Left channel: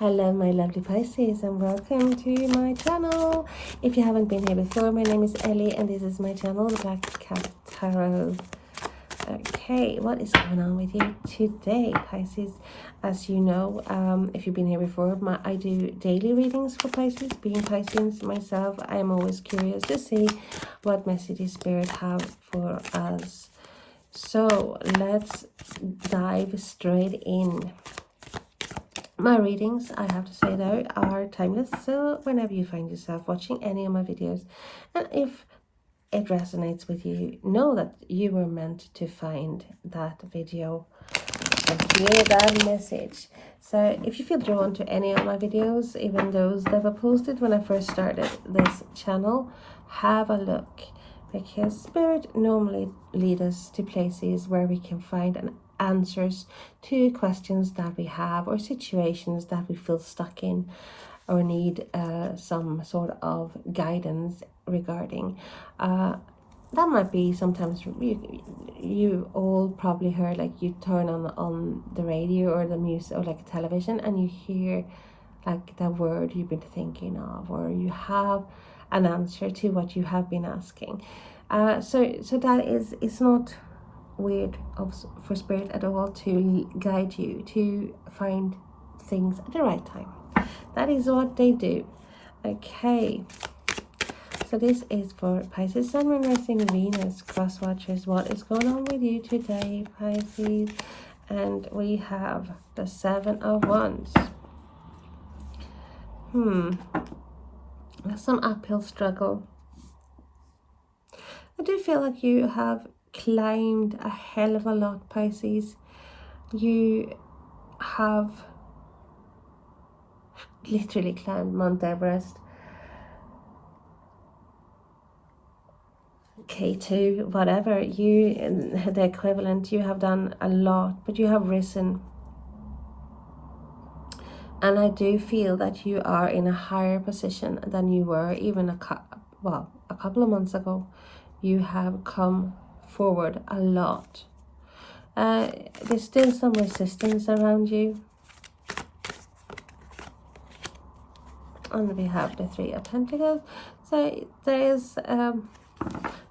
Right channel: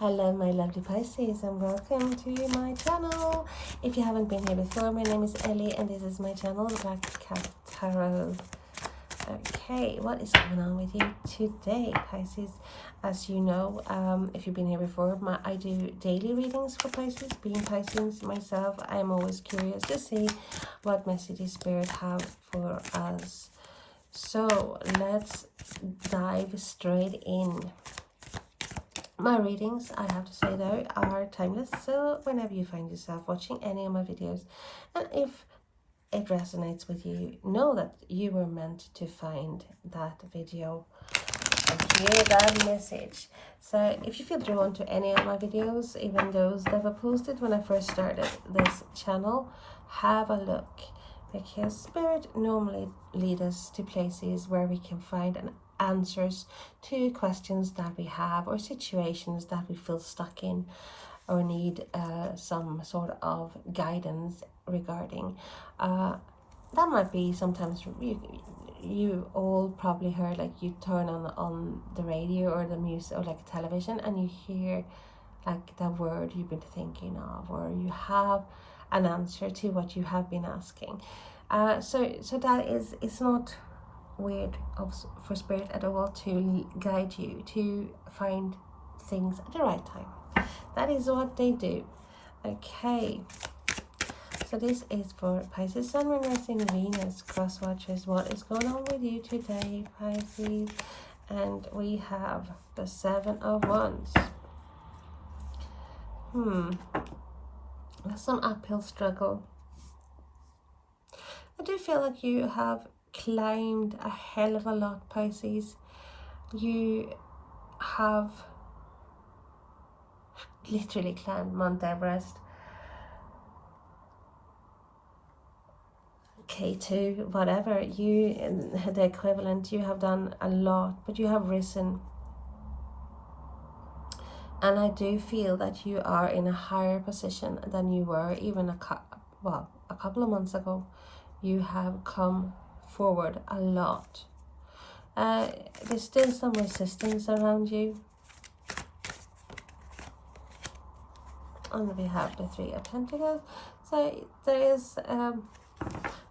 Hello my lovely Pisces and welcome to my channel. If you haven't been here before, my name is Ellie and this is my channel, the Black Cat Tarot. Okay, what is going on with you today, Pisces? As you know, if you've been here before, I do daily readings for Pisces. Being Pisces myself, I'm always curious to see what messages Spirit have for us. So let's dive straight in. My readings, I have to say though, are timeless, so whenever you find yourself watching any of my videos, and if it resonates with you, know that you were meant to find that video and hear that message. So if you feel drawn to any of my videos, even those that were posted when I first started this channel, have a look, because Spirit normally leads us to places where we can find answers to questions that we have or situations that we feel stuck in or need some sort of guidance regarding. That might be sometimes you all probably heard, like you turn on the radio or the music or like television and you hear like the word you've been thinking of, or you have an answer to what you have been asking. So that is, it's not weird for Spirit at all to guide you to find things at the right time. That is what they do. Okay, so this is for Pisces, Sun, Moon, Rising, Venus, crosswatchers. What is going on with you today, Pisces? And we have the 7 of Wands. That's some uphill struggle. I do feel like you have climbed a hell of a lot, Pisces. You have literally climbed Mount Everest, K2, whatever, the equivalent. You have done a lot, but you have risen. And I do feel that you are in a higher position than you were even a couple of months ago. You have come forward a lot. There's still some resistance around you. And we have the 3 of Pentacles. So there is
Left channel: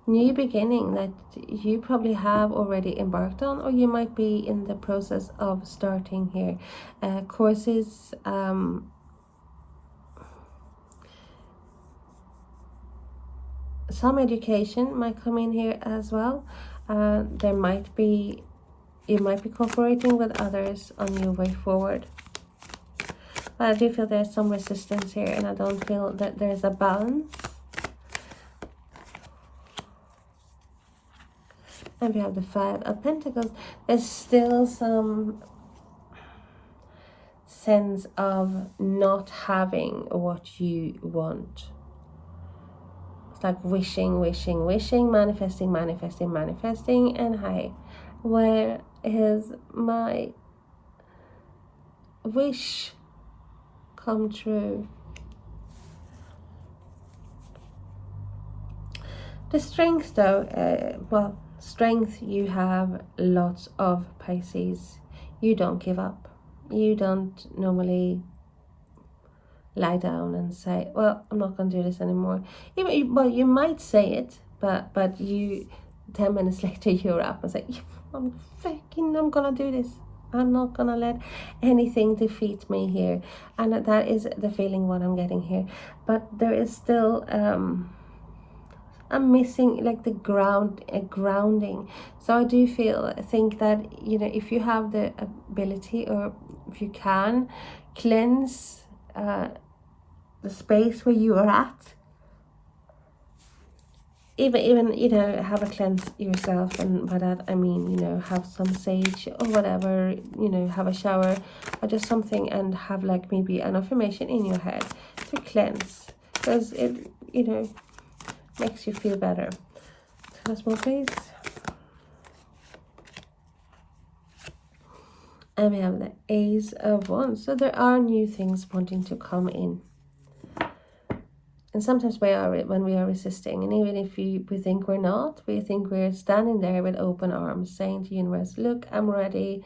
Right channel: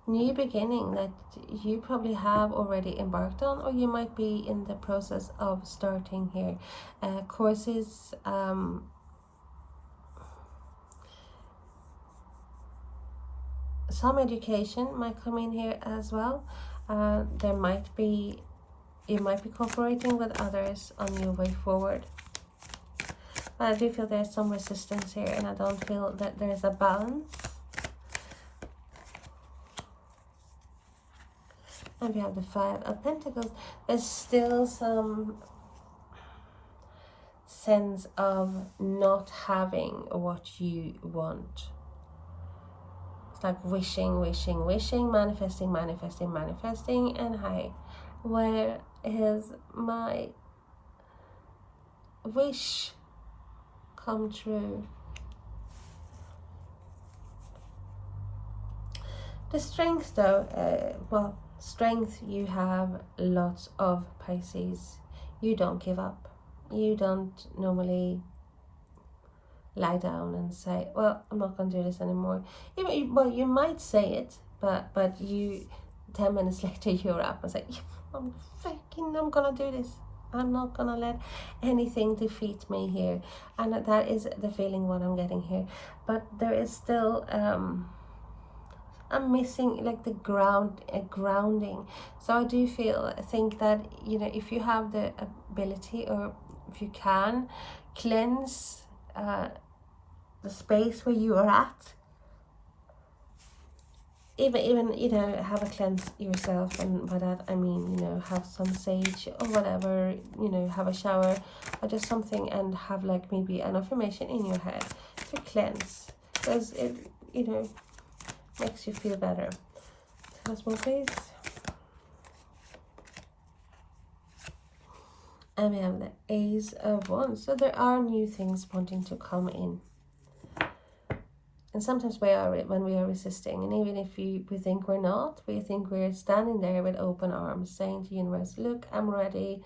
new beginning that you probably have already embarked on, or you might be in the process of starting here. Courses, some education might come in here as well. You might be cooperating with others on your way forward. But I do feel there's some resistance here, and I don't feel that there's a balance. And we have the 5 of Pentacles. There's still some sense of not having what you want. It's like wishing, manifesting, and hey, where is my wish come true? The strength though, strength you have lots of, Pisces. You don't give up. You don't normally lie down and say, well, I'm not going to do this anymore. Well, you might say it, but you 10 minutes later you're up and say, I'm gonna do this. I'm not gonna let anything defeat me here. And that is the feeling what I'm getting here. But there is still I'm missing like the grounding. So I do think that, you know, if you have the ability, or if you can cleanse the space where you are at, even you know, have a cleanse yourself, and by that I mean, you know, have some sage or whatever, you know, have a shower or just something, and have like maybe an affirmation in your head to cleanse, because it, you know, makes you feel better. Once more, please. And we have the Ace of Wands. So there are new things wanting to come in. And sometimes when we are resisting, and even if we think we're not, we think we're standing there with open arms, saying to the universe, look, I'm ready,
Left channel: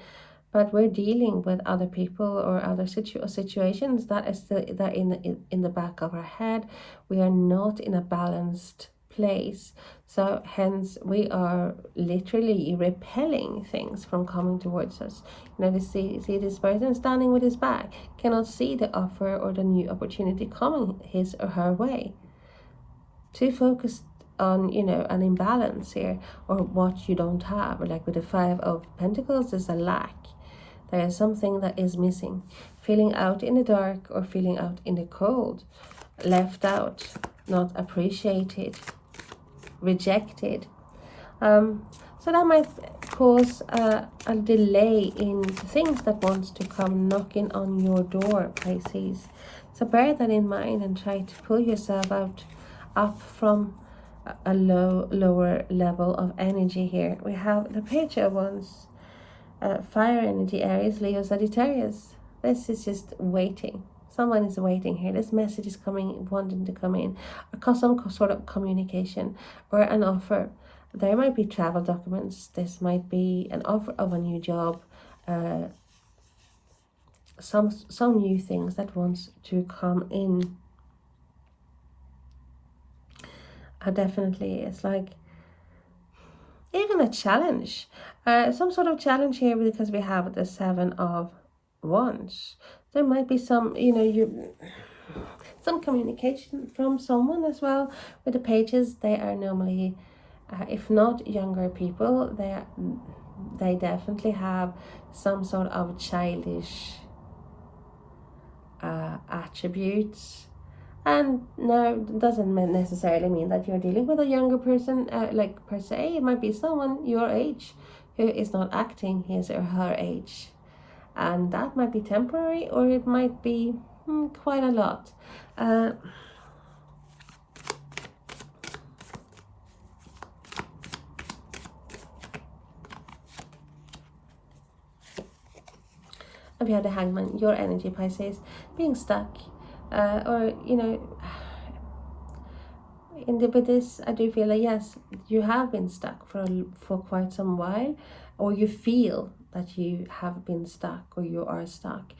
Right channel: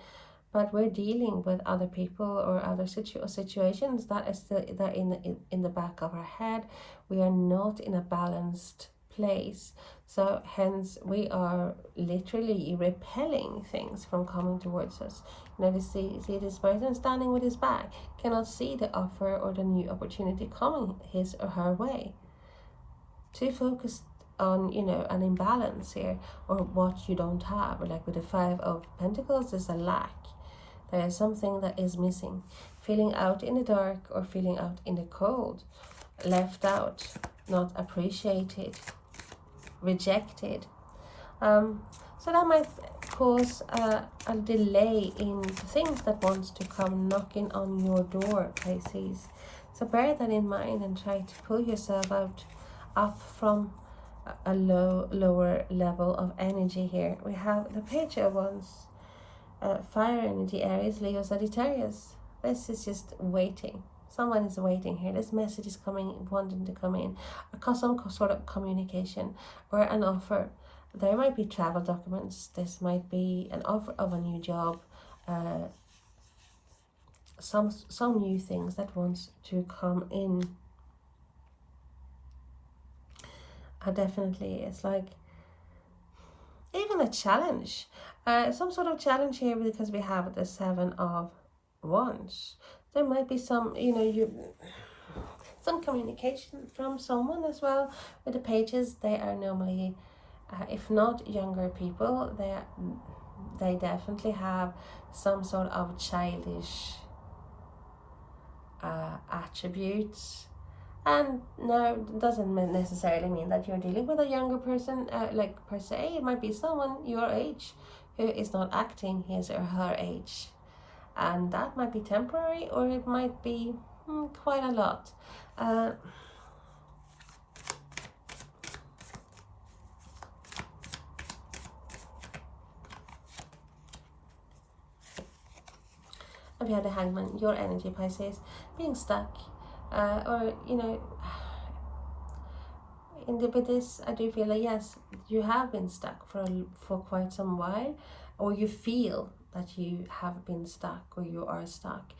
but we're dealing with other people or other situations that is that in the back of our head. We are not in a balanced place, so hence we are literally repelling things from coming towards us. You know, see this person standing with his back, cannot see the offer or the new opportunity coming his or her way. Too focused on, you know, an imbalance here, or what you don't have. Like with the Five of Pentacles, there's a lack. There is something that is missing. Feeling out in the dark or feeling out in the cold. Left out, not appreciated, rejected. So that might cause a delay in things that wants to come knocking on your door, Pisces. So bear that in mind and try to pull yourself up from a lower level of energy here. We have the Page of Wands. Fire energy, Aries, Leo, Sagittarius. This is just waiting. Someone is waiting here. This message is coming, wanting to come in. Some sort of communication or an offer. There might be travel documents. This might be an offer of a new job. Some new things that wants to come in. Definitely, it's like even a challenge, some sort of challenge here, because we have the Seven of Wands. There might be some, you know, some communication from someone as well. With the Pages, they are normally, if not younger people, they definitely have some sort of childish attributes. And no, it doesn't necessarily mean that you're dealing with a younger person, like per se. It might be someone your age who is not acting his or her age, and that might be temporary, or it might be quite a lot. If you have the Hangman, your energy, Pisces, being stuck, or you know, with this, I do feel like yes, you have been stuck for quite some while, or you feel that you have been stuck or you are stuck,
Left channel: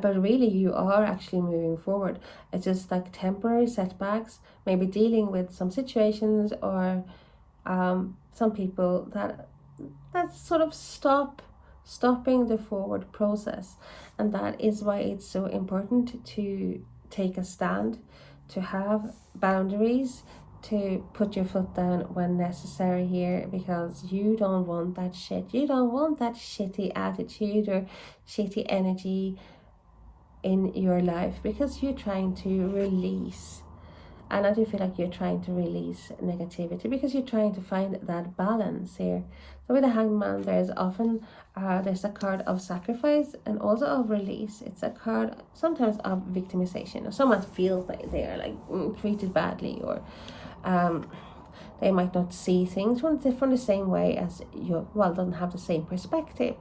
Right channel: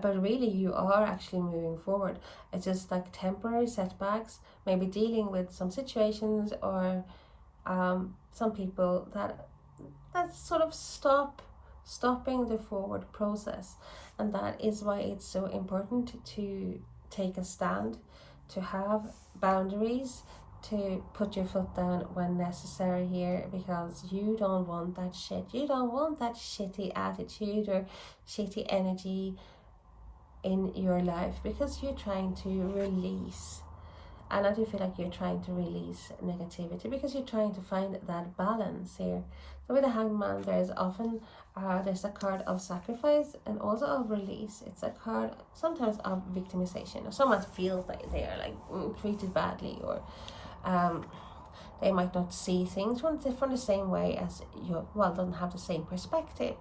but really you are actually moving forward. It's just like temporary setbacks, maybe dealing with some situations or some people that sort of stopping the forward process. And that is why it's so important to take a stand, to have boundaries, to put your foot down when necessary here, because you don't want that shit. You don't want that shitty attitude or shitty energy in your life, because you're trying to release. And I do feel like you're trying to release negativity because you're trying to find that balance here. So with the Hangman, there's often there's a card of sacrifice and also of release. It's a card sometimes of victimization, or someone feels like they are like treated badly, or they might not see things from the same way as you. Well, don't have the same perspective.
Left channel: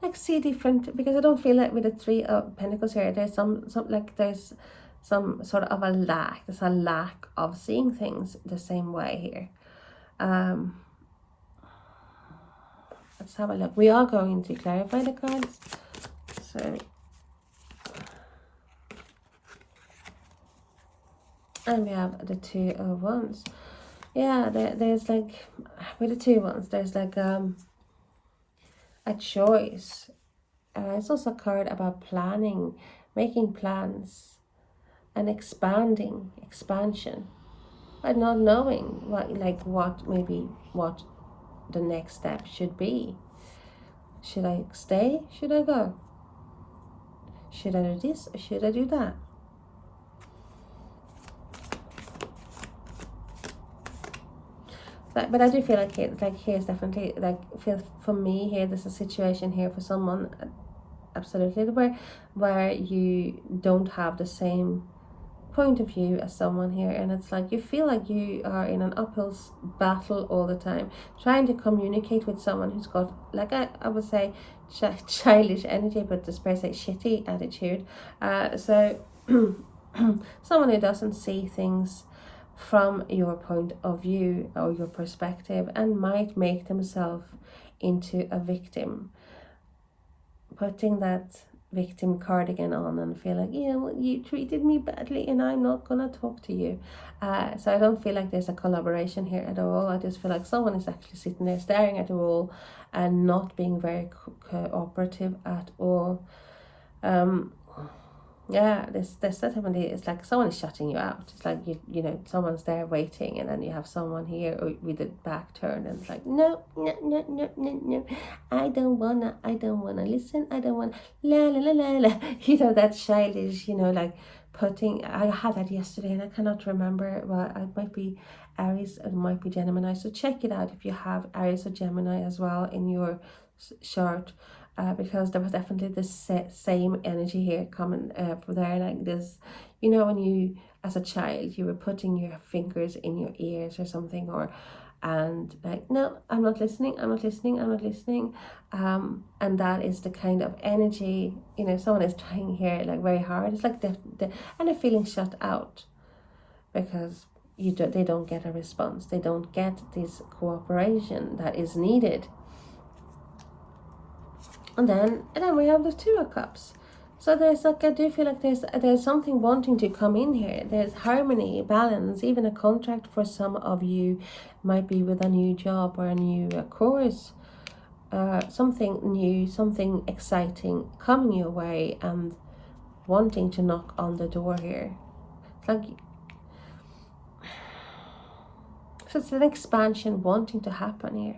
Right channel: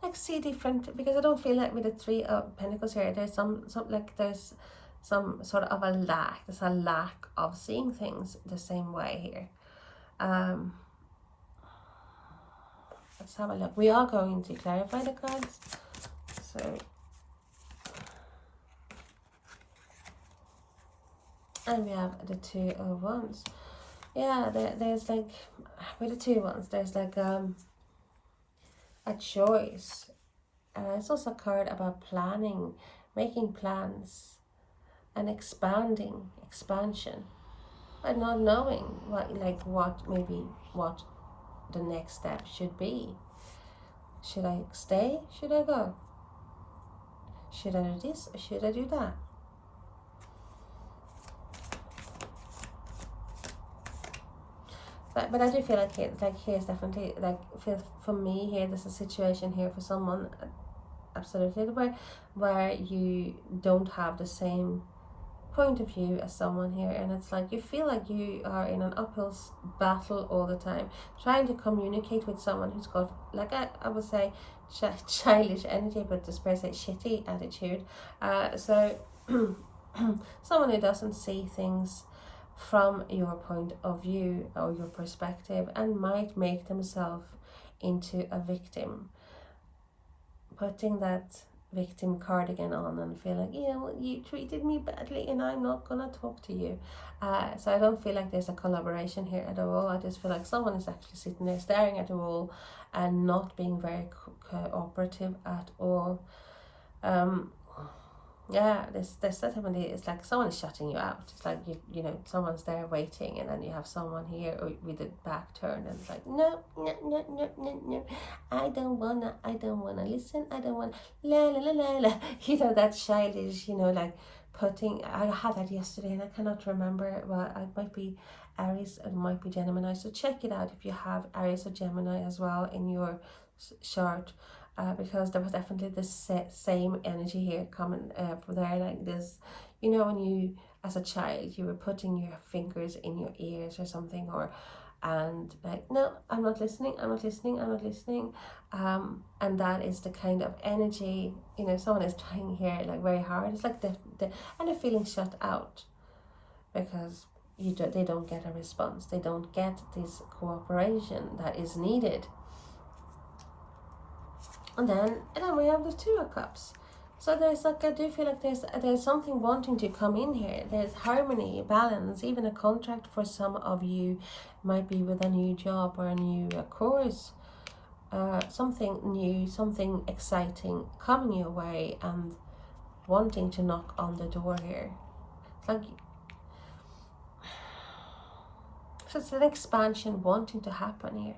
Like see different, because I don't feel like with the Three of Pentacles here there's some there's some sort of a lack. There's a lack of seeing things the same way here. Let's have a look. We are going to clarify the cards. So and we have the Two of Wands. Yeah, there's like with the Two of Wands there's like a choice. It's also a card about planning, making plans, and expansion, but not knowing what the next step should be. Should I stay? Should I go? Should I do this or should I do that? But I do feel like here's definitely for me here, there's a situation here for someone absolutely where you don't have the same point of view as someone here, and it's like you feel like you are in an uphill battle all the time, trying to communicate with someone who's got, like I would say, childish energy, but this per se shitty attitude. So someone who doesn't see things from your point of view or your perspective, and might make themselves into a victim, putting that victim card again on and feel like, you know, well, you treated me badly and I'm not gonna talk to you. So I don't feel like there's a collaboration here at all. I just feel like someone is actually sitting there staring at the wall and not being very cooperative at all. Yeah, there's definitely, it's like someone is shutting you out. It's like you know, someone's there waiting, and then you have someone here with the back turned, and it's like, no, no, no, no, no, no, I don't wanna listen, I don't wanna, la la la la la. You know, that childish, you know, like putting, I had that yesterday and I cannot remember, well, it might be Aries, it might be Gemini, so check it out if you have Aries or Gemini as well in your chart. Because there was definitely this same energy here coming from there, like this, you know, when you as a child you were putting your fingers in your ears or something, or and like, no, I'm not listening, I'm not listening, I'm not listening, and that is the kind of energy, you know, someone is trying here like very hard. It's like and they're feeling shut out because they don't get a response, they don't get this cooperation that is needed. And then we have the Two of Cups. So there's like, I do feel like there's something wanting to come in here. There's harmony, balance, even a contract for some of you might be with a new job or a new course. Something new, something exciting coming your way and wanting to knock on the door here. It's like, so it's an expansion wanting to happen here.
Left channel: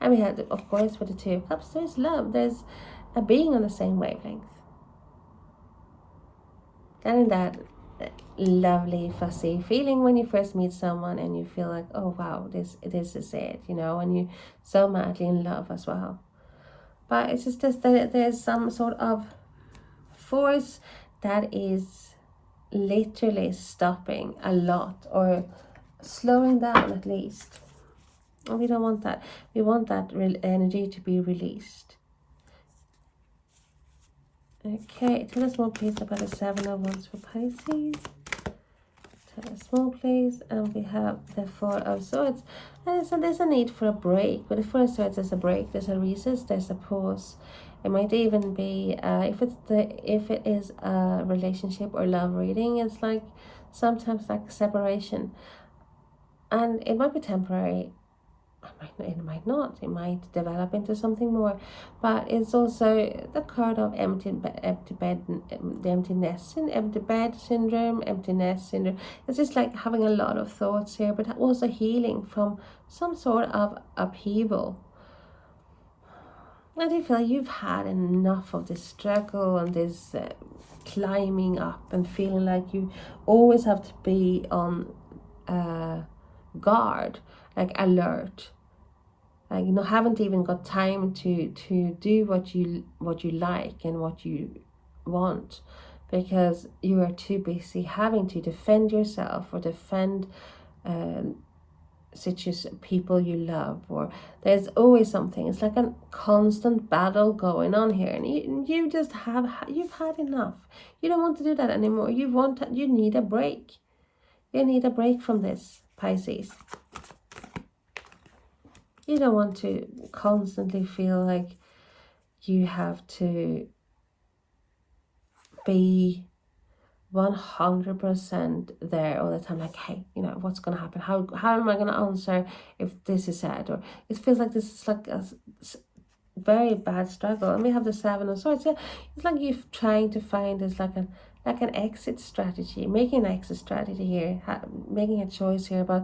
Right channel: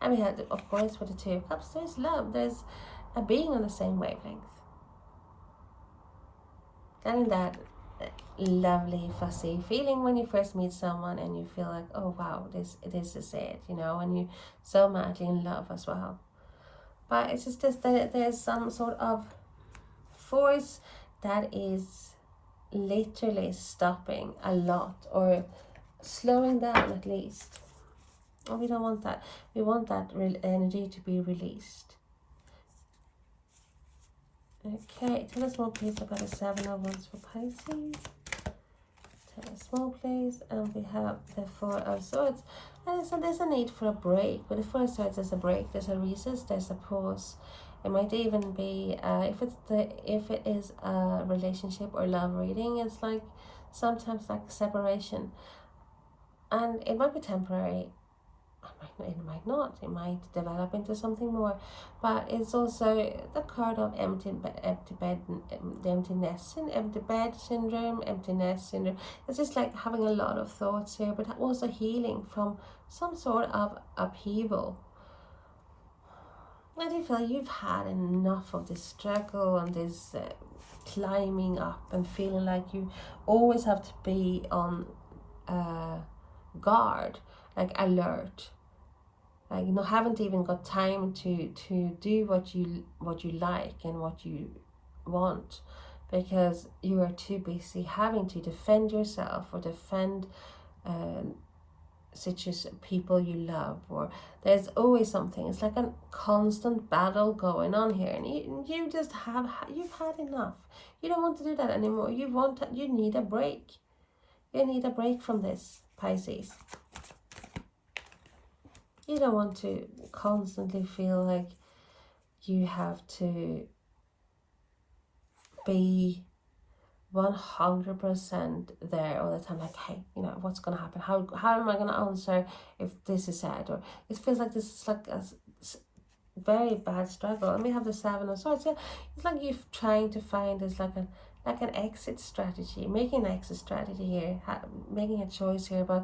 And we had, of course, with the Two of Cups, there's love. There's a being on the same wavelength. And that lovely, fussy feeling when you first meet someone and you feel like, oh, wow, this is it, you know, and you're so madly in love as well. But it's just that there's some sort of force that is literally stopping a lot, or slowing down at least. And we don't want that. We want that energy to be released. Okay, tell us more please about the Seven of Wands for Pisces. Tell us more please. And we have the Four of Swords. And so there's a need for a break. With the Four of Swords, there's a break, there's a recess, there's a pause. It might even be if it is a relationship or love reading, it's like sometimes like separation, and it might be temporary. It might not. It might develop into something more. But it's also the card of empty bed, the emptiness, empty bed syndrome, emptiness syndrome. It's just like having a lot of thoughts here, but also healing from some sort of upheaval. I do feel like you've had enough of this struggle and this climbing up and feeling like you always have to be on guard, like alert. Like, you know, haven't even got time to do what you like and what you want, because you are too busy having to defend yourself or defend people you love, or there's always something. It's like a constant battle going on here, and you just you've had enough. You don't want to do that anymore. You need a break. You need a break from this, Pisces. You don't want to constantly feel like you have to be 100% there all the time. Like, hey, you know, what's going to happen? How am I going to answer if this is said? Or it feels like this is like a very bad struggle. And we have the Seven of Swords. Yeah, it's like you're trying to find this like an exit strategy, making an exit strategy here, making a choice here about,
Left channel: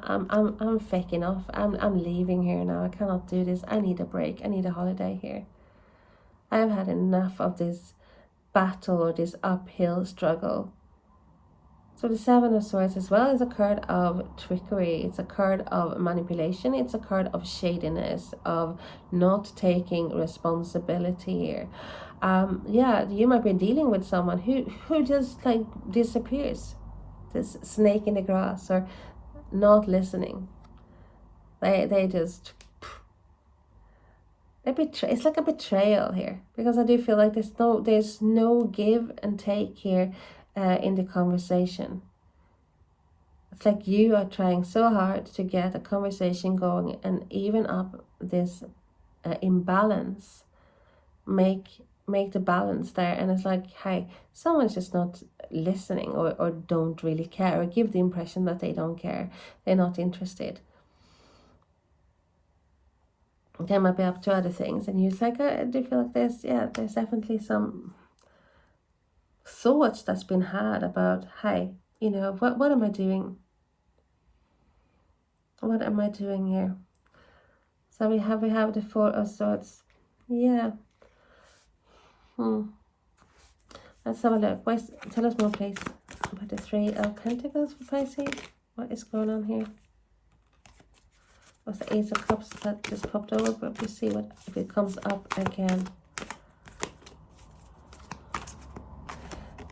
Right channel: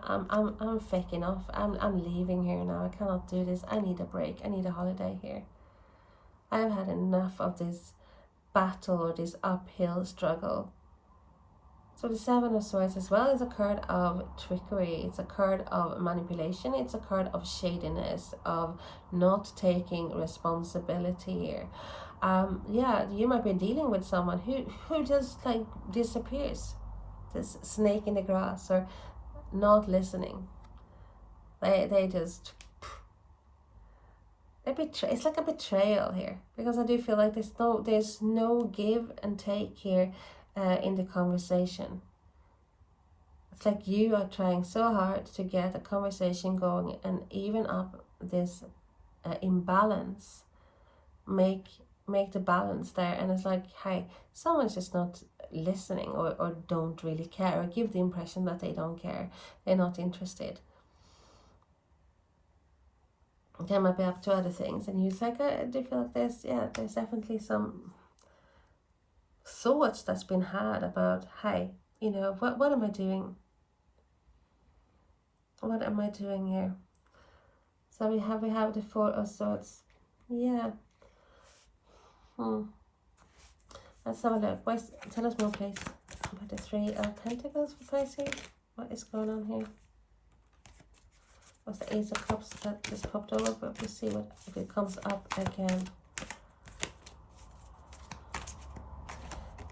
I'm faking off. I'm leaving here now. I cannot do this. I need a break. I need a holiday here. I've had enough of this battle or this uphill struggle. So the Seven of Swords as well is a card of trickery. It's a card of manipulation. It's a card of shadiness, of not taking responsibility here. Yeah, you might be dealing with someone who just like disappears, this snake in the grass, or not listening. They just it's like a betrayal here, because I do feel like there's no give and take here in the conversation. It's like you are trying so hard to get a conversation going, and even up this imbalance, make the balance there. And it's like, hey, someone's just not listening, or don't really care, or give the impression that they don't care, they're not interested. They might be up to other things, and you're like, I do feel like this. Yeah, there's definitely some thoughts that's been had about, hey, you know, what am I doing? What am I doing here? So we have the Four of Swords. Yeah. Let's have a look. Tell us more, please, about the Three of Pentacles for Pisces. What is going on here? What's the Ace of Cups that just popped over? But we see what if it comes up again.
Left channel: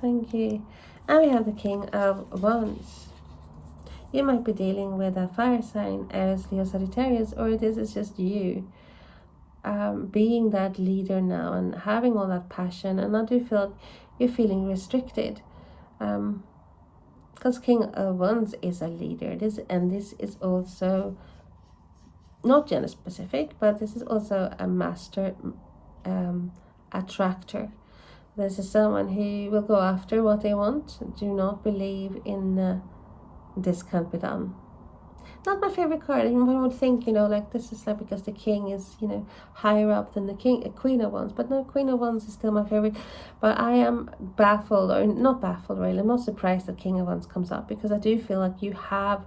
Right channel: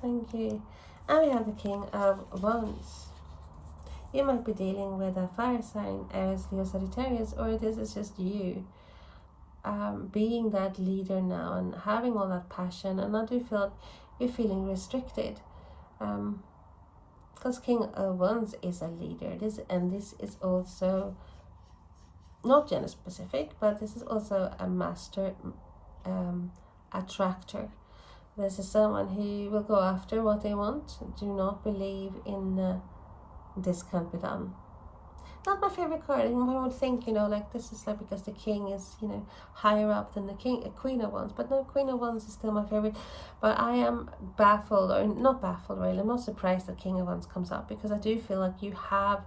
Thank you. And we have the King of Wands. You might be dealing with a fire sign, Aries, Leo, Sagittarius, or this is just you being that leader now and having all that passion. And I do feel like you're feeling restricted, because King of Wands is a leader. This is also not gender specific, but this is also a master attractor. This is someone who will go after what they want. Do not believe in this can't be done. Not my favorite card. And one would think, you know, like this is like because the king is, you know, higher up than the queen of wands. But no, Queen of Wands is still my favorite. But I am baffled, or not baffled really. I'm not surprised that King of Wands comes up, because I do feel like you have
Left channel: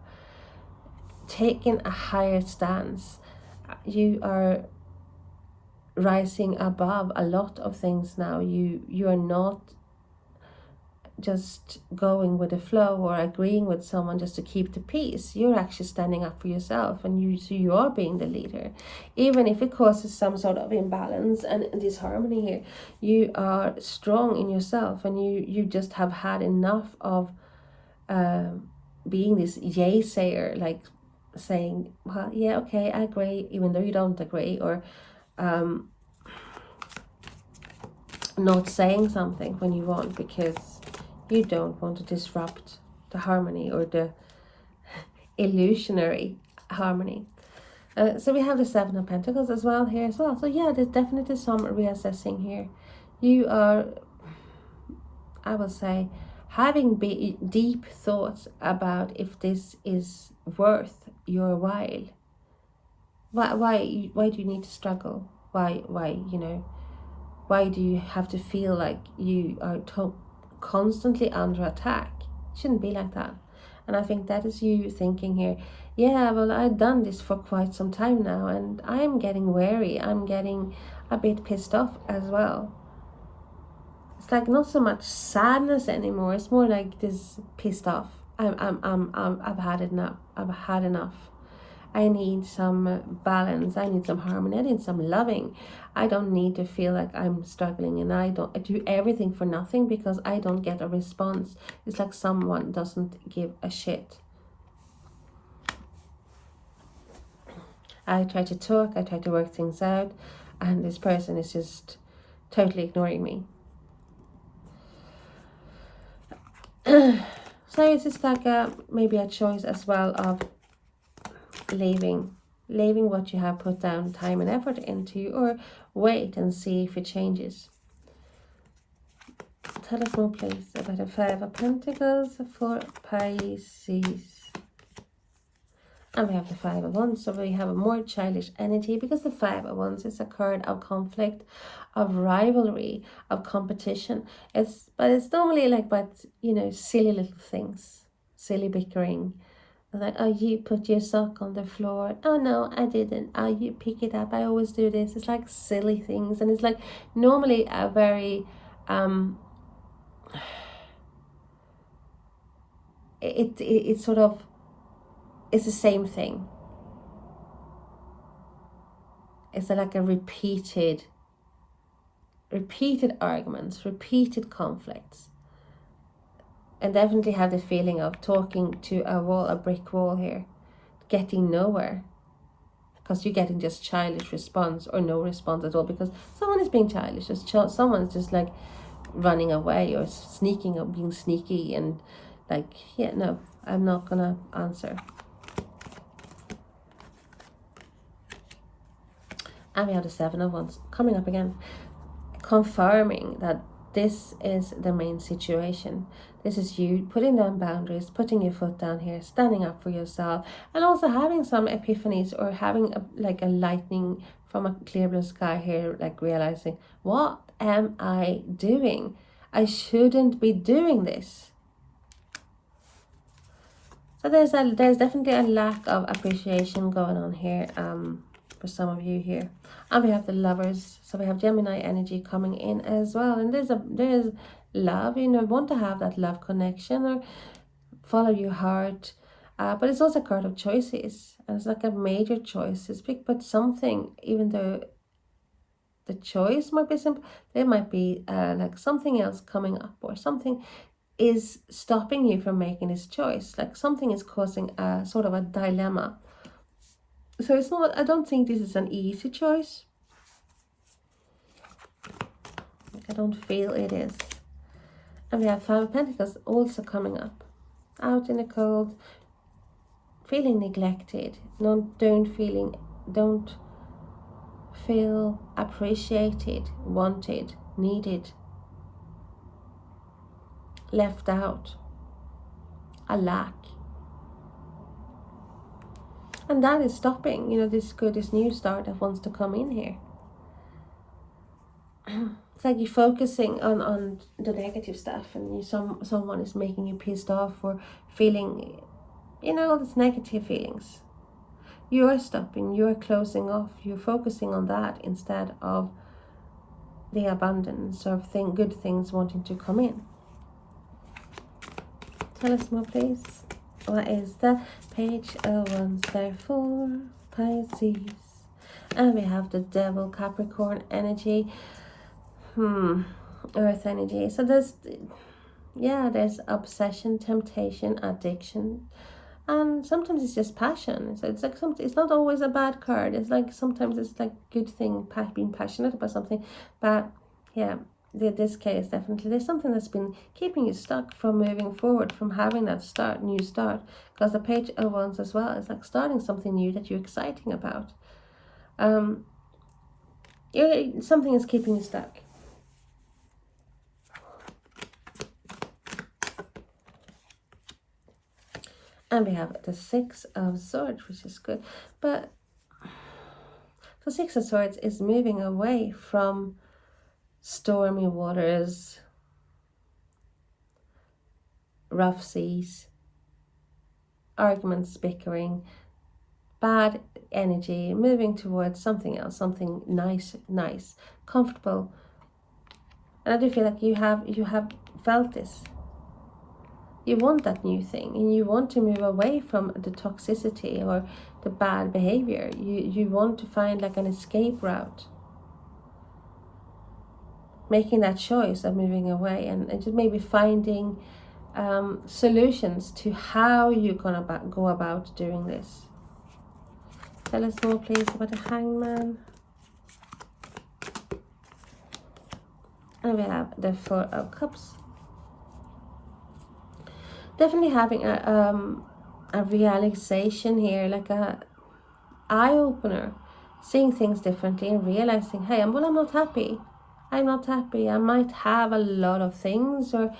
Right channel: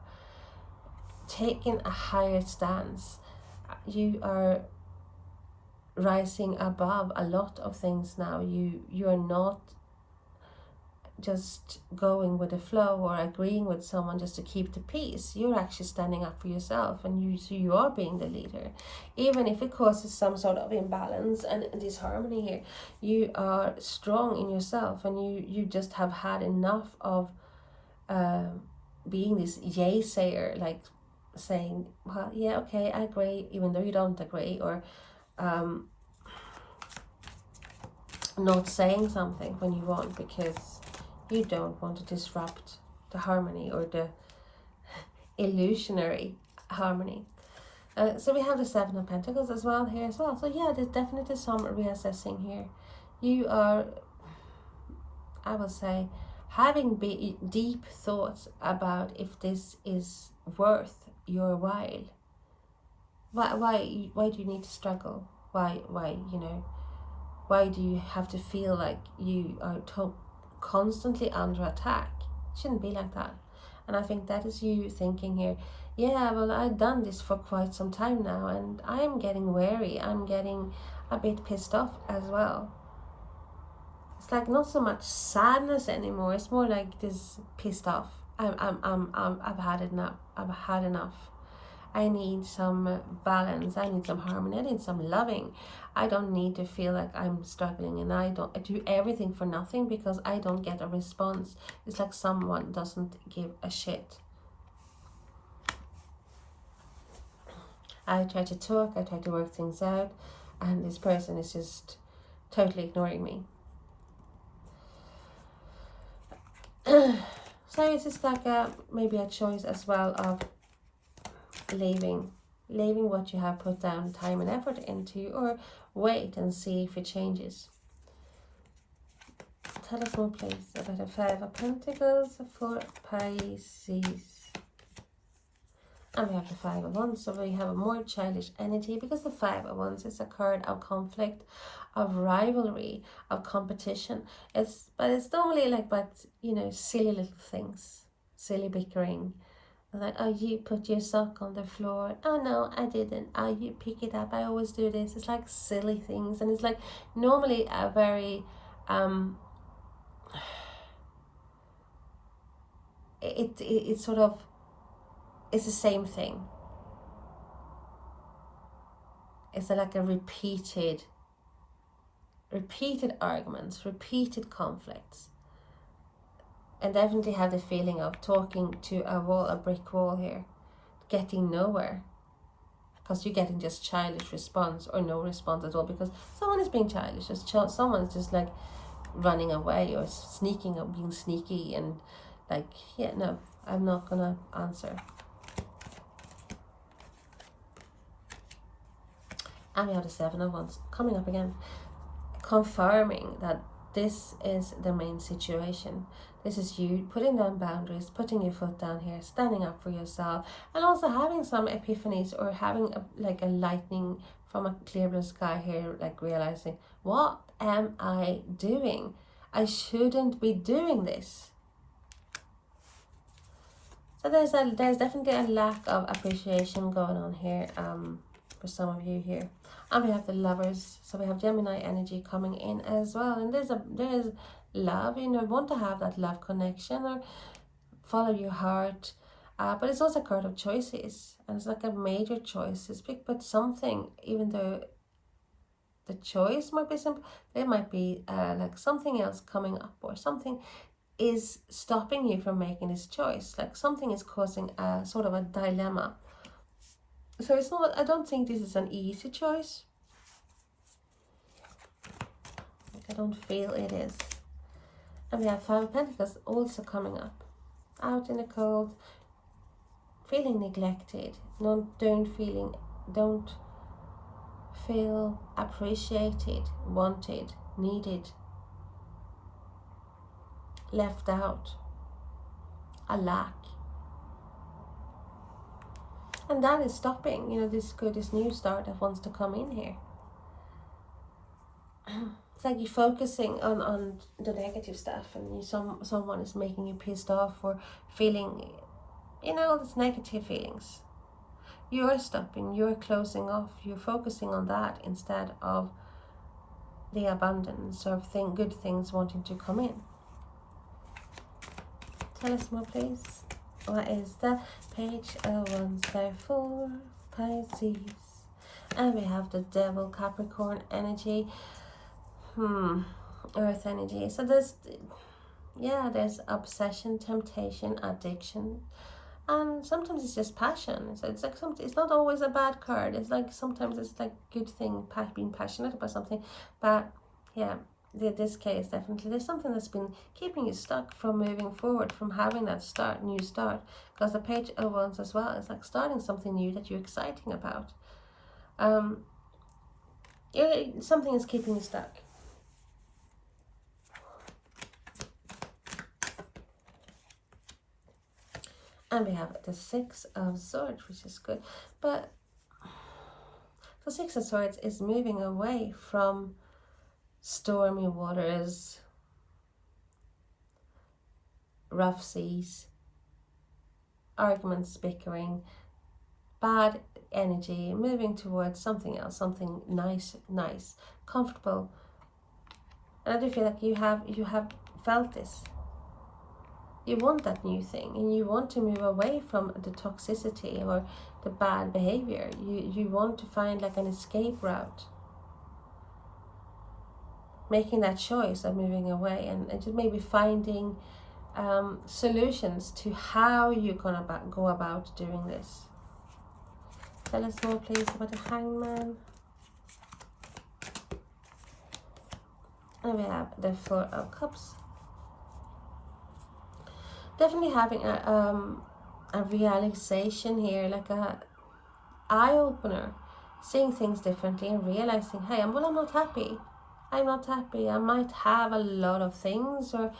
taken a higher stance. You are rising above a lot of things now. You are not just going with the flow or agreeing with someone just to keep the peace. You're actually standing up for yourself, and so you are being the leader, even if it causes some sort of imbalance and disharmony here. You are strong in yourself, and you just have had enough of being this yay sayer, like saying, well, yeah, okay, I agree, even though you don't agree, or not saying something when you want, because you don't want to disrupt the harmony or the illusionary harmony. So we have the Seven of Pentacles as well here as well. So yeah, there's definitely some reassessing here. You are, I will say, having deep thoughts about if this is worth your while. Why do you need to struggle? Why you know, why do you have to feel like you are constantly under attack? It shouldn't be like that. And I think that is you thinking here, yeah, well, I've done this for quite some time now, and I'm getting wary. I'm getting a bit pissed off as well. It's like not so much sadness anymore. It's more like this pissed off. I've had enough. I've had enough. I need some balance. I need some harmony. I need some loving. I don't need to feel like I'm struggling, and I do everything for nothing because I don't get a response. It's like someone doesn't give a shit. I try to talk, I try to work things out, and this person is just totally ignoring me. So it's just like maybe a choice as well of leaving what you have put down time and effort into, or wait and see if it changes. Tell us more, please, about the Five of Pentacles for Pisces. And we have the Five of Wands, so we have a more childish energy, because the Five of Wands is a card of conflict, of rivalry, of competition. But it's normally like, but you know, silly little things, silly bickering. Like, oh, you put your sock on the floor. Oh no, I didn't. Oh, you pick it up. I always do this. It's like silly things, and it's like normally a very it's sort of, it's the same thing. It's like a repeated arguments, repeated conflicts. And definitely have the feeling of talking to a wall, a brick wall here, getting nowhere, because you're getting just childish response or no response at all, because someone is being childish, someone's just like running away or sneaking or being sneaky and like, yeah, no, I'm not gonna answer. And we have the Seven of Wands coming up again, confirming that this is the main situation. This is you putting down boundaries, putting your foot down here, standing up for yourself, and also having some epiphanies, or having like a lightning from a clear blue sky here, like realizing, what am I doing? I shouldn't be doing this. So there's definitely a lack of appreciation going on here, for some of you here. And we have the Lovers, so we have Gemini energy coming in as well, and there's love, you know, want to have that love connection or follow your heart, but it's also a card of choices, and it's like a major choice. It's big, but something, even though the choice might be simple, there might be like something else coming up, or something is stopping you from making this choice, like something is causing a sort of a dilemma. So it's not, I don't think this is an easy choice. I don't feel it is. And we have Five of Pentacles also coming up. Out in the cold, feeling neglected, don't feel appreciated, wanted, needed, left out, a lack. And that is stopping, you know, this new start that wants to come in here. It's like you're focusing on the negative stuff, and someone is making you pissed off, or feeling, you know, all these negative feelings. You're stopping, you're closing off, you're focusing on that instead of the abundance of good things wanting to come in. Tell us more, please. What is the Page of Wands there for Pisces? And we have the Devil, Capricorn energy, Earth energy. So there's obsession, temptation, addiction, and sometimes it's just passion. So it's like it's not always a bad card. It's like sometimes it's like good thing, being passionate about something. But yeah, this case, definitely there's something that's been keeping you stuck from moving forward, from having that new start. Because the Page of Wands as well is like starting something new that you're exciting about. Something is keeping you stuck. And we have the Six of Swords, which is good. But the Six of Swords is moving away from stormy waters, rough seas, arguments, bickering, bad energy, moving towards something else, something nice, comfortable. And I do feel like you have felt this. You want that new thing, and you want to move away from the toxicity or the bad behavior. You want to find like an escape route. Making that choice of moving away, and just maybe finding solutions to how you're gonna go about doing this. Tell us more, please, about the Hangman. And we have the Four of Cups. Definitely having a realization here, like a eye-opener, seeing things differently and realizing, hey, I'm not happy. I'm not happy. I might have a lot of things, or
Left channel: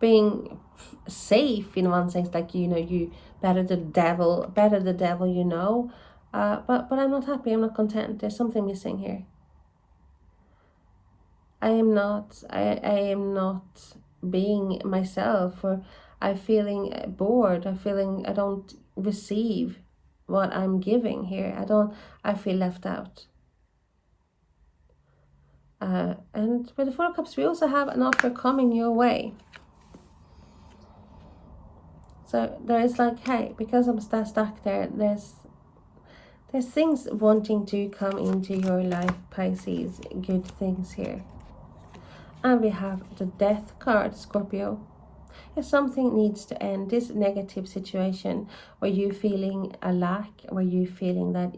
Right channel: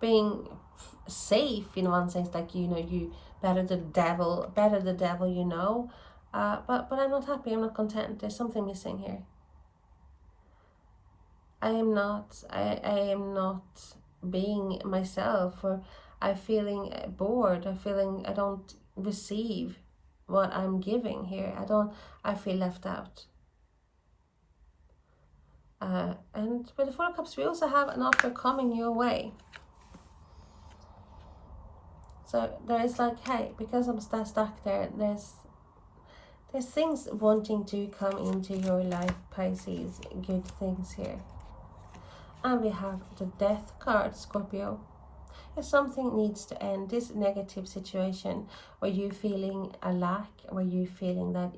being safe in one sense, like, you know, you better the devil, you know, but I'm not happy. I'm not content. There's something missing here. I am not being myself, or I'm feeling bored. I'm feeling I don't receive what I'm giving here. I feel left out. And with the Four of Cups, we also have an offer coming your way. So there is like, hey, because I'm stuck there, there's things wanting to come into your life, Pisces, good things here. And we have the Death card, Scorpio. If something needs to end, this negative situation where you feeling a lack, where you feeling that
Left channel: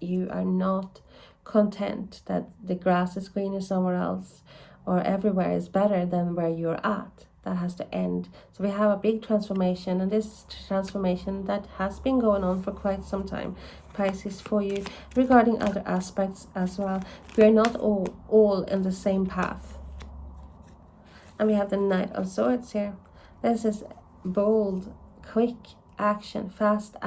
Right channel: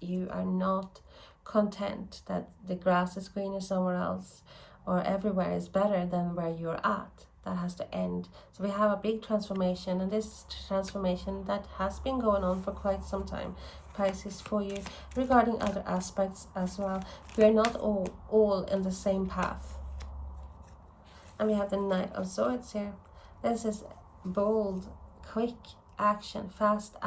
you are not content, that the grass is greener somewhere else, or everywhere is better than where you're at, that has to end. So we have a big transformation, and this transformation that has been going on for quite some time, Pisces, for you regarding other aspects as well. We're not all in the same path. And we have the Knight of Swords here. This is bold, quick action, fast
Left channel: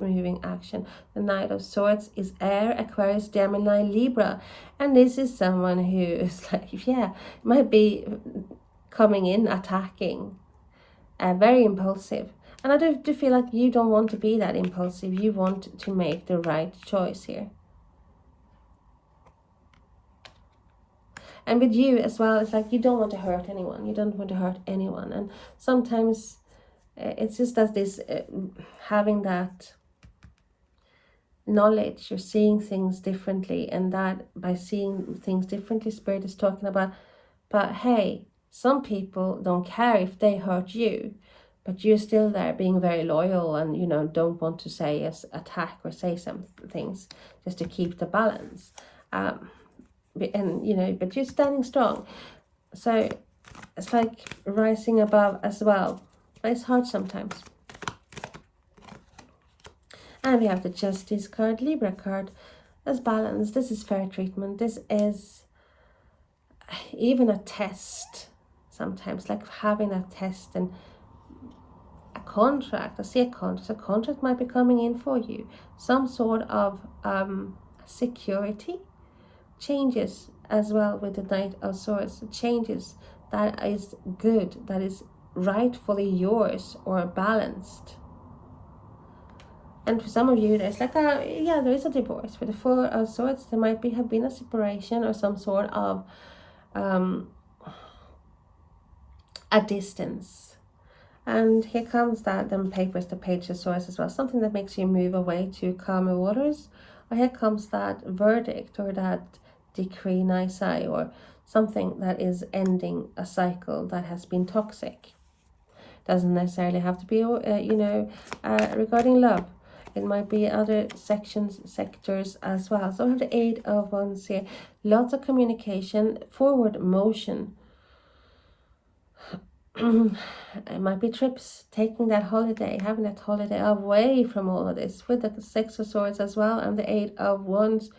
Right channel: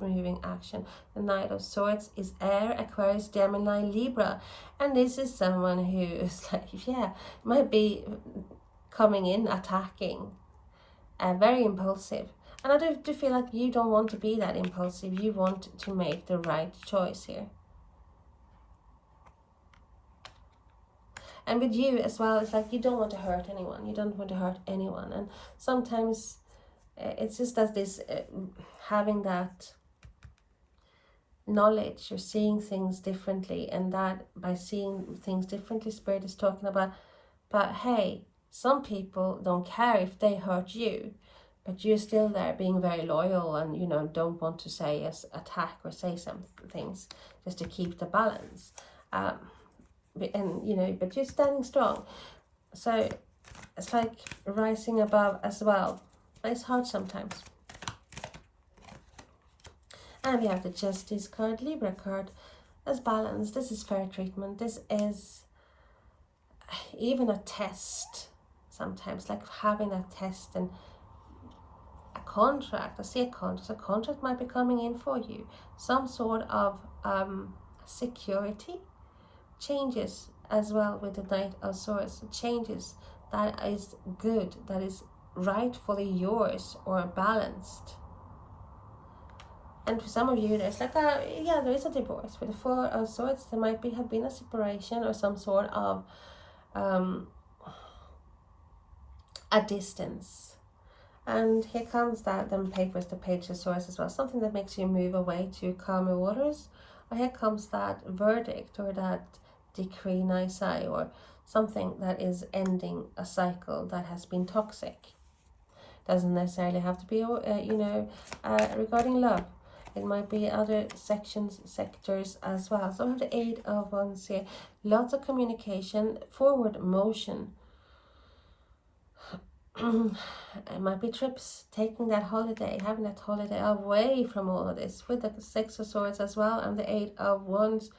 moving action. The Knight of Swords is air, Aquarius, Gemini, Libra, and this is someone who is like, yeah, might be coming in, attacking, very impulsive. And I do feel like you don't want to be that impulsive. You want to make the right choice here. And with you as well, it's like you don't want to hurt anyone. You don't want to hurt anyone. And sometimes it's just as this having that knowledge, you're seeing things differently, and that by seeing things differently, Spirit is talking about, but hey, some people don't care if they hurt you, but you're still there being very loyal, and you know, don't want to say yes, attack or say some things just to keep the balance, and you know, but you're standing strong. So it's like rising above as well, but it's hard sometimes. And we have the Justice card, Libra card, as balance. This is fair treatment. This is even a test sometimes, like having a test and a contract. I see a contract. A contract might be coming in for you. Some sort of security changes as well with the Knight of Swords. Changes that is good, that is rightfully yours or balanced. And for some of you, there's like yeah, there is a divorce. With the Four of Swords, there might have been a separation or some sort of a distance. And here comes that them papers, the Page of Swords as well, something that makes you move away to calmer waters. Or here comes that verdict or that decree nisi, or something that is ending a cycle that has been toxic. Doesn't necessarily have to be you know, regarding love. It might be other sectors as well. So I have the Eight of Wands here. Lots of communication, forward motion. It might be trips, taking that holiday, having that holiday away from all of this, with the Six of Swords as well, and the Eight of Wands.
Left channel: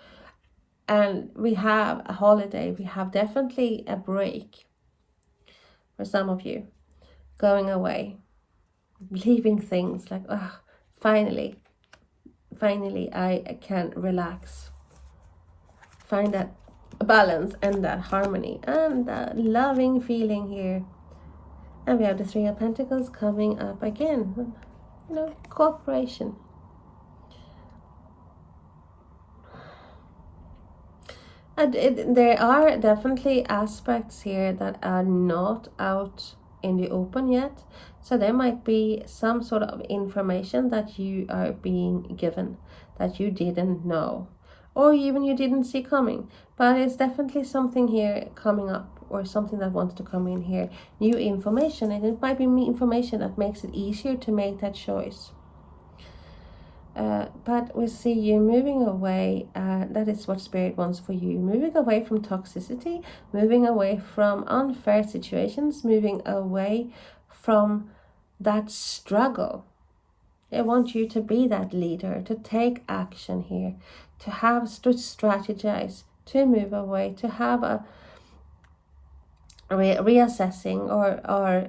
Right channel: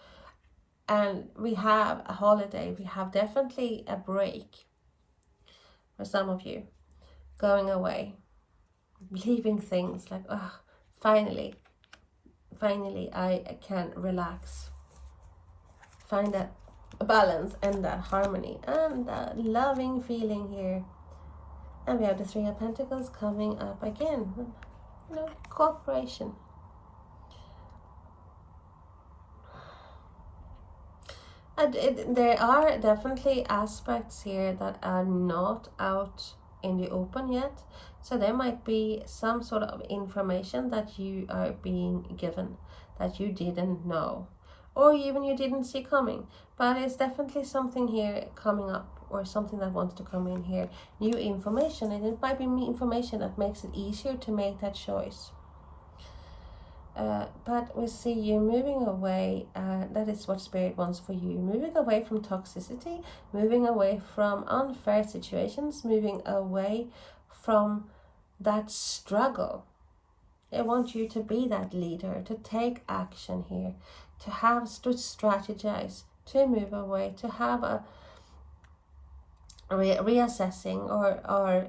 And we have a holiday. We have definitely a break for some of you. Going away, leaving things like, oh, finally I can relax, find that balance and that harmony and that loving feeling here. And we have the Three of Pentacles coming up again, you know, cooperation. And there are definitely aspects here that are not out in the open yet. So there might be some sort of information that you are being given that you didn't know, or even you didn't see coming. But it's definitely something here coming up, or something that wants to come in here. New information, and it might be information that makes it easier to make that choice. But we see you moving away. That is what Spirit wants for you. Moving away from toxicity, moving away from unfair situations, moving away from that struggle. They want you to be that leader, to take action here, to strategize, to move away, to have a reassessing or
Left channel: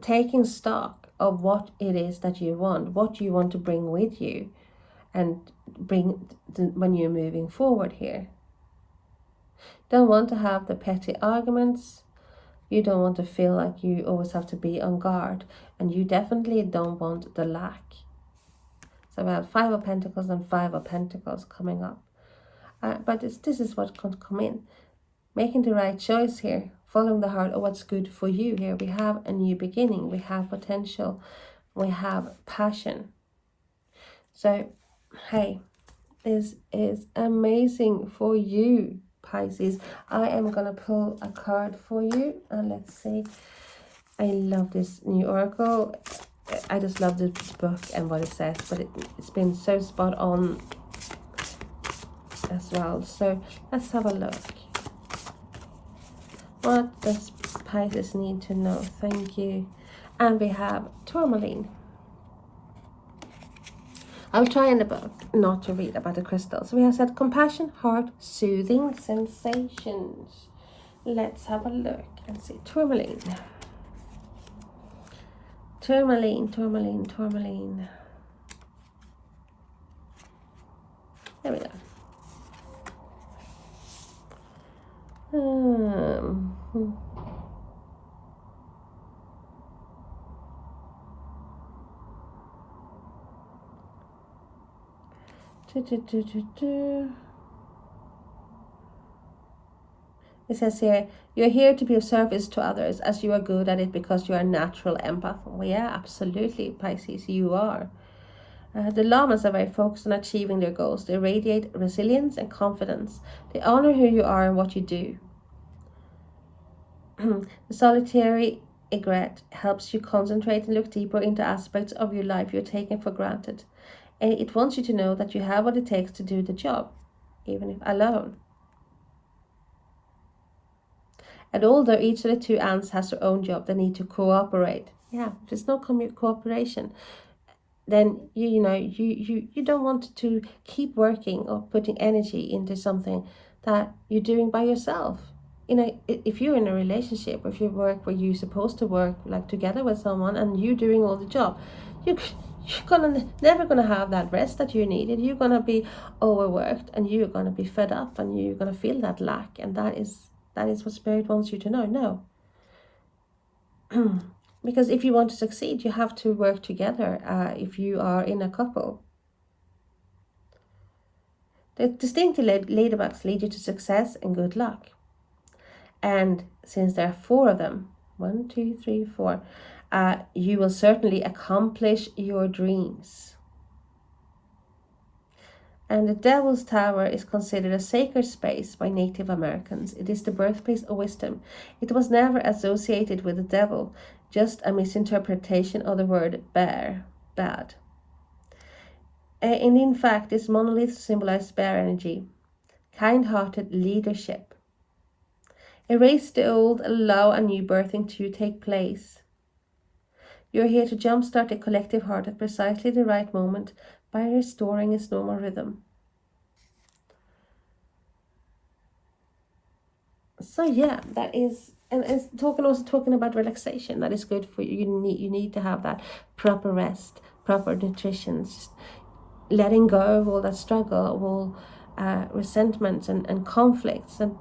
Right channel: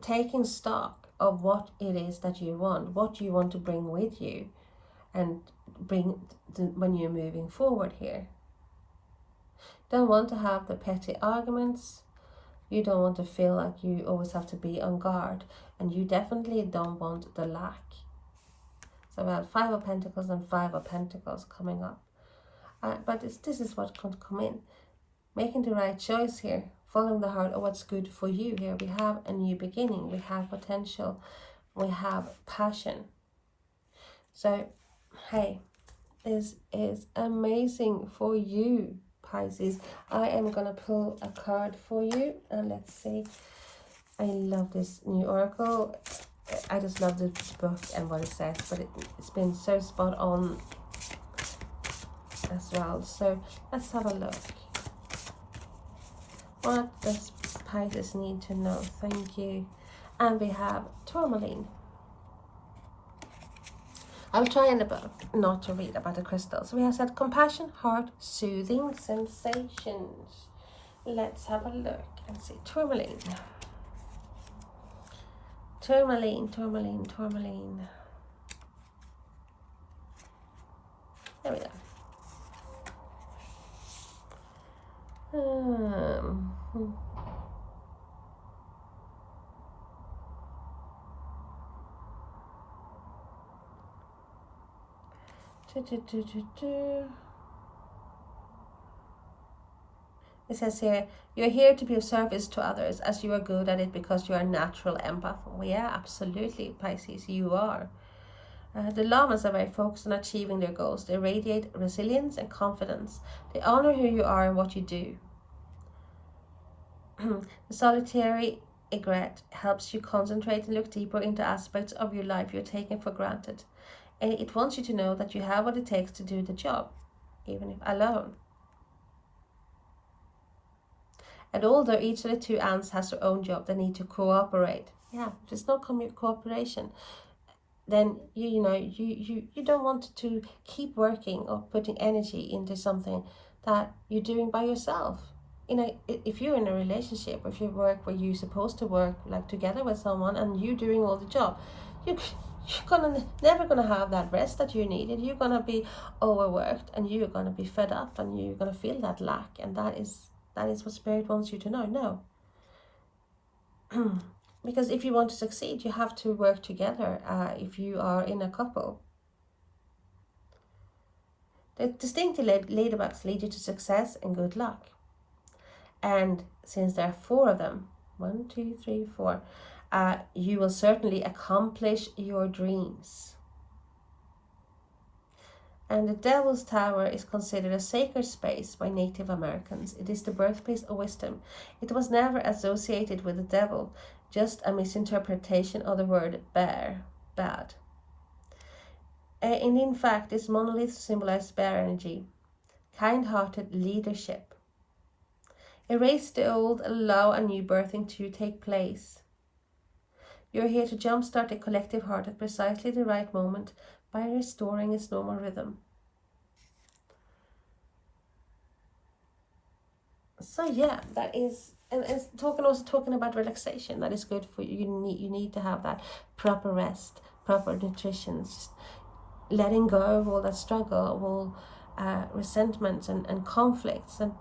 taking stock of what it is that you want, what you want to bring with you, and when you're moving forward here. Don't want to have the petty arguments. You don't want to feel like you always have to be on guard, and you definitely don't want the lack. So we have Five of Pentacles and Five of Pentacles coming up. But this is what can come in. Making the right choice here, following the heart of what's good for you here. We have a new beginning, we have potential, we have passion. So, hey, this is amazing for you, Pisces. I am going to pull a card for you, and let's see. I love this new oracle. I just love the book and what it says, but it's been so spot on as well. So let's have a look. What does Pisces need to know? Thank you. And we have tourmaline. I'll try in the book not to read about the crystals. We have said compassion, heart, soothing sensations. Let's have a look and see. Tourmaline. Tourmaline, tourmaline, tourmaline. There we go. It says here, you're here to be of service to others as you are good at it because you are a natural empath. Well, yeah, absolutely, Pisces, you are. The llamas are very focused on achieving their goals. They radiate resilience and confidence. They honor who you are and what you do. The solitary egret helps you concentrate and look deeper into aspects of your life you're taking for granted. And it wants you to know that you have what it takes to do the job, even if alone. And although each of the two ants has their own job, they need to cooperate. Yeah, if there's no cooperation, then you don't want to keep working or putting energy into something that you're doing by yourself. You know, if you're in a relationship, or if you work where you're supposed to work like together with someone and you're doing all the job, you're never gonna have that rest that you needed. You're gonna be overworked and you're gonna be fed up and you're gonna feel that lack, and that is what Spirit wants you to know. No. Because if you want to succeed, you have to work together if you are in a couple. The distinctive ladybugs lead you to success and good luck. And since there are 4 of them, 1, 2, 3, 4, you will certainly accomplish your dreams. And the Devil's Tower is considered a sacred space by Native Americans. It is the birthplace of wisdom. It was never associated with the devil, just a misinterpretation of the word bad. And in fact, this monolith symbolizes bear energy, kind-hearted leadership. Erase the old, allow a new birthing to take place. You're here to jumpstart the collective heart at precisely the right moment by restoring its normal rhythm. So yeah, that is, and it's also talking about relaxation. That is good for you. You need to have that proper rest, proper nutrition, just letting go of all that struggle, all resentments and conflicts and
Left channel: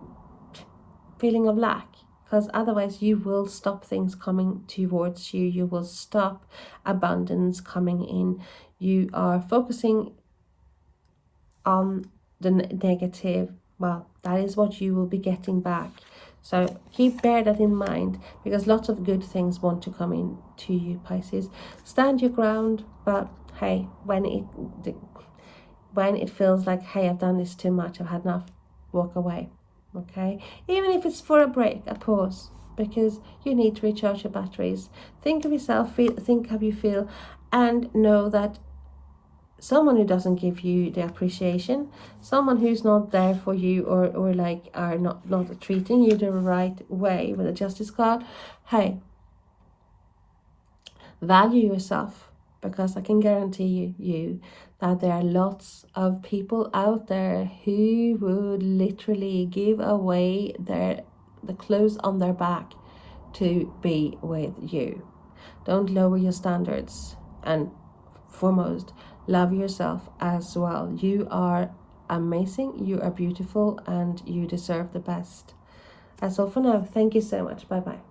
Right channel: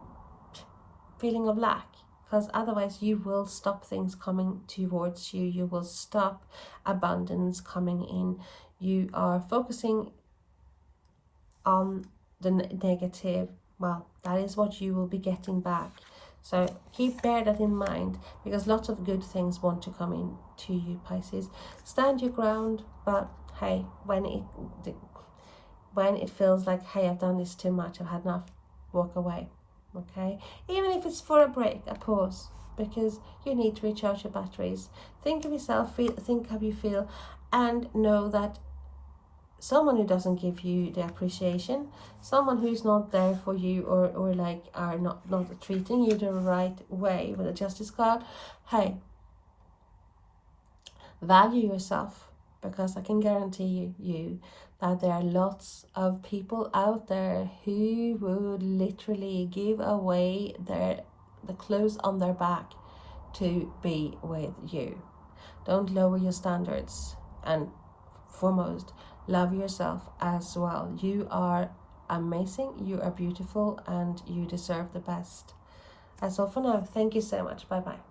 feeling of lack, because otherwise you will stop things coming towards you. You will stop abundance coming in. You are focusing on the negative. Well, that is what you will be getting back. So bear that in mind, because lots of good things want to come in to you, Pisces. Stand your ground, but hey, when it feels like, hey, I've done this too much, I've had enough, walk away. Okay, even if it's for a break, a pause, because you need to recharge your batteries. Think of yourself, think how you feel, and know that someone who doesn't give you the appreciation, someone who's not there for you, or like are not treating you the right way with a justice card, hey, value yourself, because I can guarantee you that there are lots of people out there who would literally give away the clothes on their back to be with you. Don't lower your standards, and foremost, love yourself as well. You are amazing, you are beautiful, and you deserve the best. That's all for now. Thank you so much. Bye bye.